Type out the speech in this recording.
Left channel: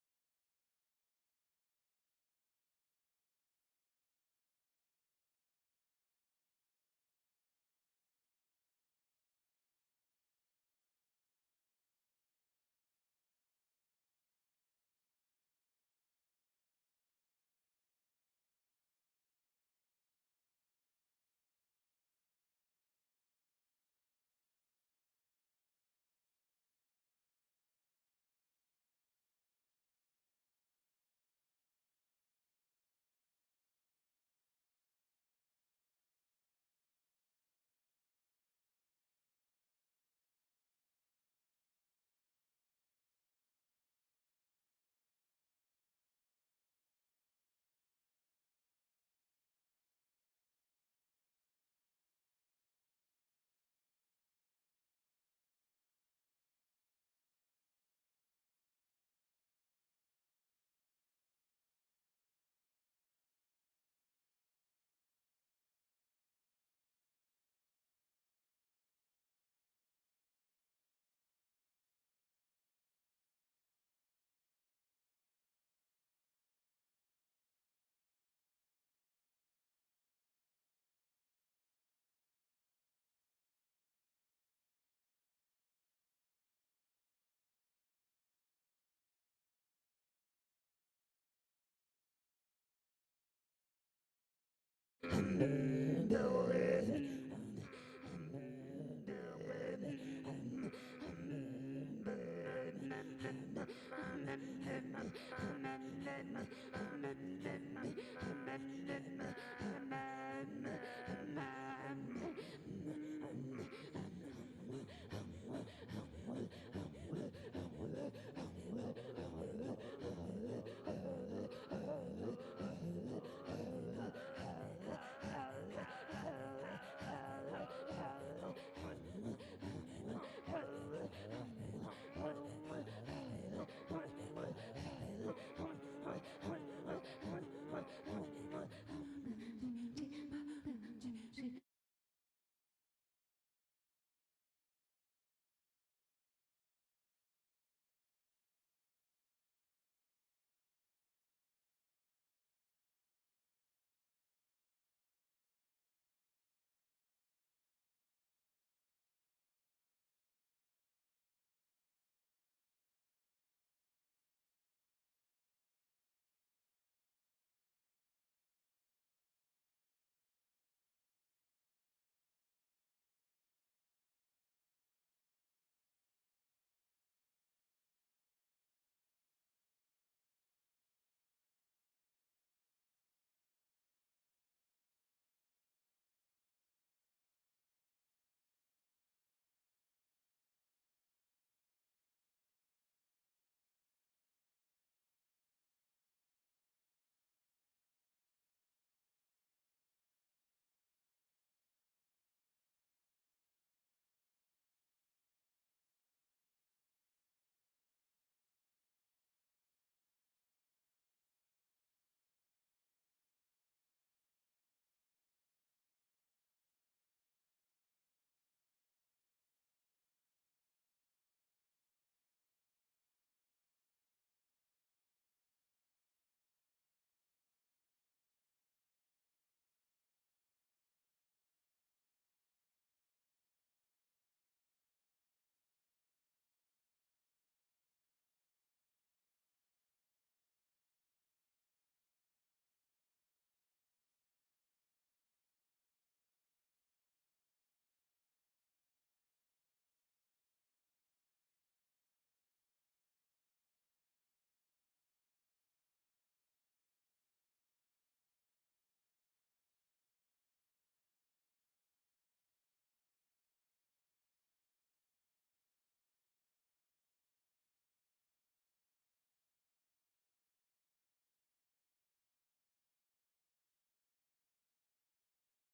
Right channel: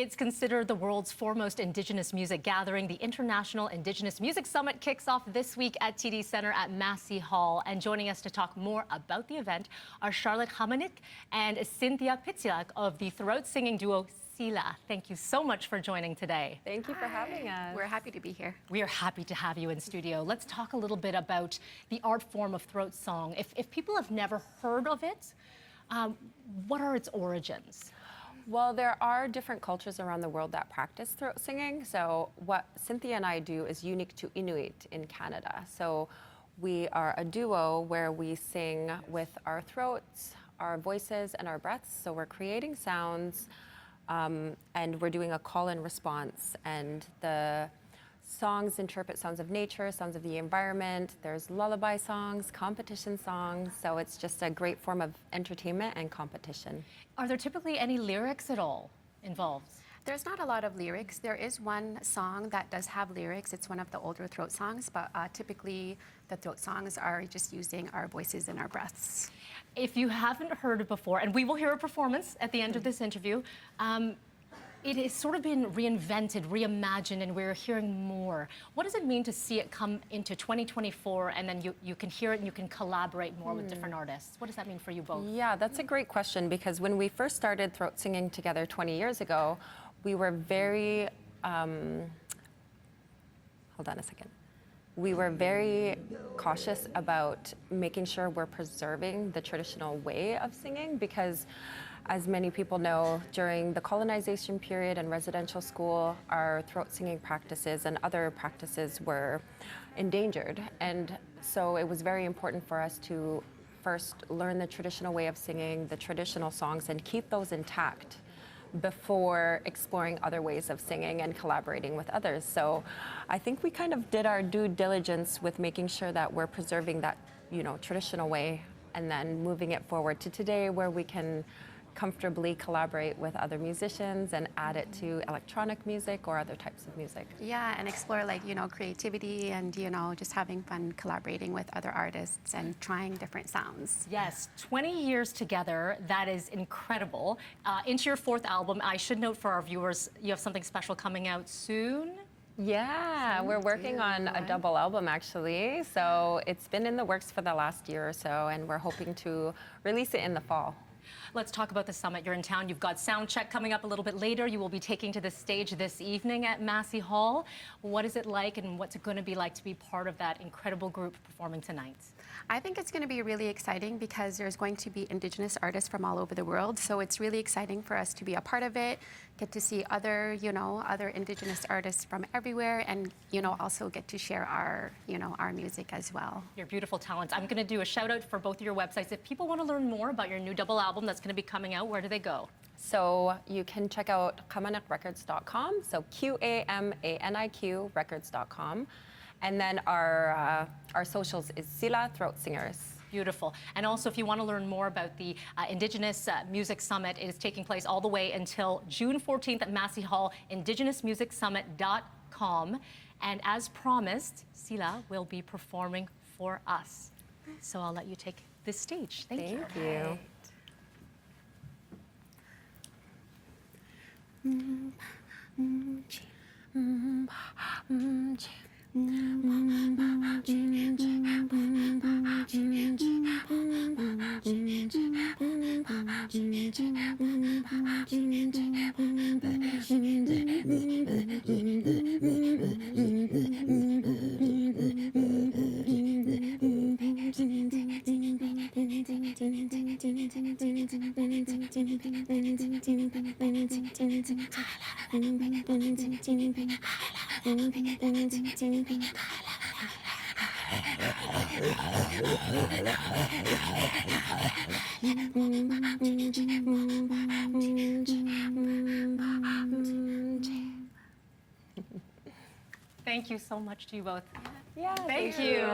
It's considered the world's foremost Indigenous music gathering. The International Indigenous Music Summit kicks off this week at TD Centre at Massey Hall. And joining us to talk more about the event are Charlotte Qamaniq and Cynthia Pitsiulak of the throat singing duo Silla. Thank you so much for joining today. Thank you for having us. We're happy to be here. We are happy to have you in studio. Let's talk a little bit about the art form of throat song. If people have never heard of it, what are its origins? Well, there are different cultures around the world that practice throat singing. So what Cynthia and I do is unique to Inuit in Canada. So we are a duo where we sing with our throats, our voices, and our breaths. So we're creating sounds and we're doing a call and response. And the songs interpret sounds of nature, sounds of the environment. There's lullaby songs, competition songs. So it's just a great form of entertainment and competition. Are there typically any lyrics at all involved? There's not a lot of lyrics. There is one song that does have lyrics. It's one of the older throat songs, but typically the throat songs are just using our voices and our breaths. If you haven't heard it before, and we will hear a performance at the end of this interview, it has sort of been reinvented, reimagined, and we're hearing more. What does it mean to see it come into 2024 and then you can hear it and you can collaborate more with different artists? What does that mean for you both? Yeah, that's a great question, because when we first started throat singing together 20 years ago, we were very, hold on a second. We were very cautious about making sure we're preserving the traditional way of singing, because as many people know, during the colonization period and residential school, our throat singing practices and other practices were endangered. And so it was very important for us to first learn the traditional way of singing, the traditional songs, and keep those intact before exploring other ways of singing and collaborating with others. So I think we kind of did our due diligence with making sure that we're preserving that, traditional way, and then moving it forward to today, where we can comfortably collaborate with other musicians and add it to electronic music or other types of music. Yeah, and explore creativity and, just having fun collaborating with other artists and trying different sounds. Yes, 20 years together, that is incredible. Into your fourth album, I should note for our viewers, you have something special coming out soon. Yeah, we're working on a double album actually. So it's been in the works for the last year or so, and we're hoping to release it in the fall. Let's talk about the summit. You're in town. You've got sound check coming up a little bit later. You will be taking to the stage this evening at Massey Hall. What is it like, and what's it going to be like to be part of that incredible group performing tonight? I think it's going to be really exciting because there's going to be Indigenous artists from all over the world. So it's really exciting for us to be a part of it, get to see other, other Indigenous artists from everywhere, and, also get to share our, our music as well. Your beautiful talents. I'm going to do a shout out for both of your websites. If people want to learn more about your new double album that's going to be coming out, where do they go? So you can check out qamaniqrecords.com, so QAMANIQ records.com. And then our socials is Silla Throat Singers. Beautiful. And also, if you want to learn more about the Indigenous Music Summit, it is taking place all the way until June 14th at Massey Hall, indigenousmusicsummit.com. And as promised, Silla will be performing for us. So I'll let you take this stage. Thank you. Thank you. Thank you so much to you both. Yeah, Thank you.